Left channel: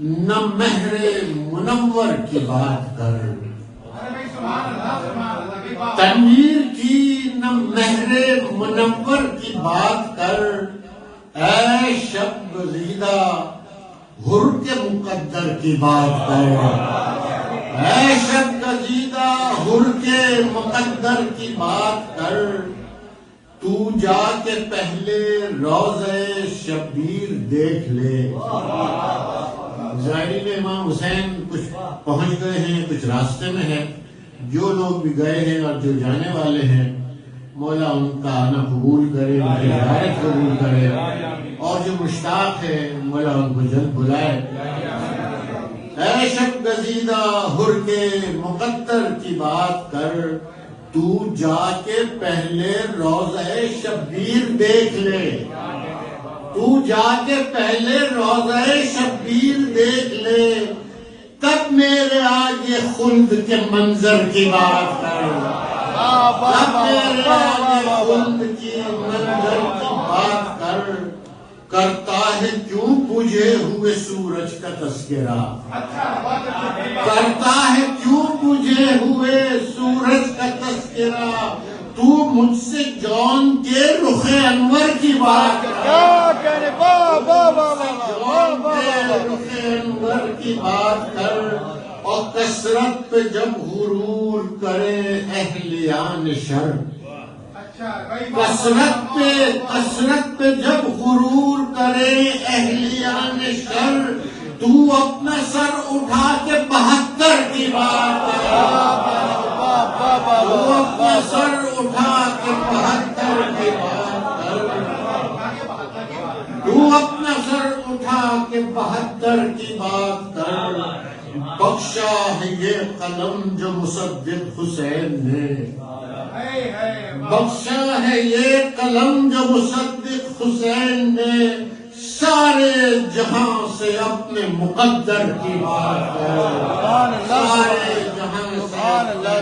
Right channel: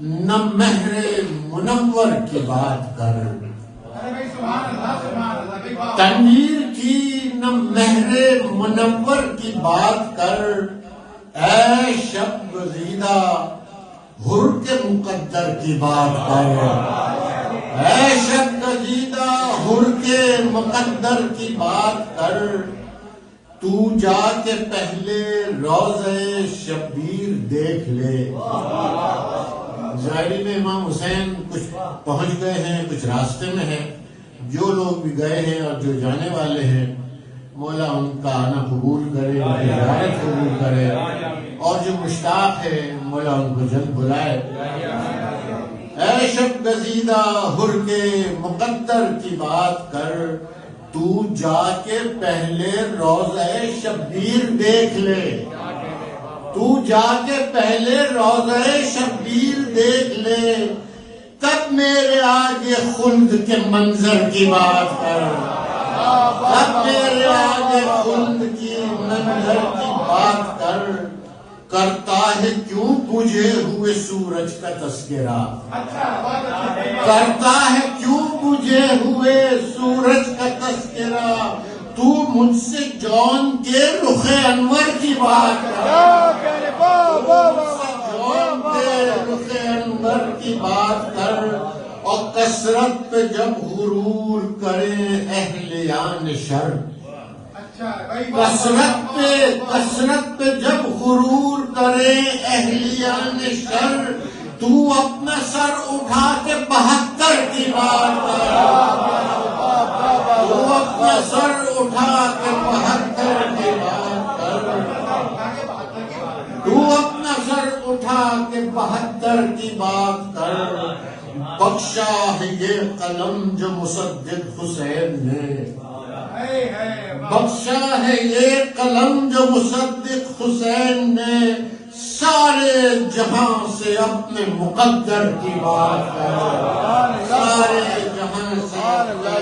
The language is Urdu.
نہ مہر منور کی بات کر، تنویر کی نہ مہر منور کی بات کر، اے شب گزیدہ حر کے مقدر کی بات کر، اے شب گزیدہ حر کے مقدر کی بات کر، تو جا کے پہلے روضہ شبیر دیکھ لے۔ زائرین امام حسین کچھ پہنچ گئے ہیں، کچھ راستے میں ہیں، جو لوگ بھی گئے ہیں اور جو جانے والے ہیں مولا ان کا آنا قبول کرے، ان کی زیارت قبول کرے، اور جو مشتاق ہے مولا ان کو جلد بلائے۔ اے شب گزیدہ حر کے مقدر کی بات کر، تو جا کے پہلے روضہ شبیر دیکھ لے، تو جا کے پہلے روضہ شبیر دیکھ لے، تب میرے آگے خلد کے منظر کی بات کر، تب میرے آگے خلد کی منظر کی بات کر۔ کرتا ہے کیوں بجھے ہوئے سورج کا تذکرہ، کرتا ہے کیوں بجھے ہوئے سورج کا تذکرہ، تو مجھ سے جون کے رخ انور کی بات کر، جون کے رخ انور کی بات کر، اور کثرت پہ جب غرور کرے اہلیان شر، کثرت پہ جب غرور کرے اہلیان شر، تو اپنا سر اٹھا کے 72 کی بات کر، تو اپنا سر اٹھا کے 72 کی بات کر، تو اپنا سر اٹھا کے 72 کی بات کر۔ بخشا ہے یہ قلم جو مصدق حسین نے، بخشا ہے یہ قلم جو مصدق حسین نے، سارے جہاں سے اپنے مقدر کی بات کرو، سارے جہاں سے اپنے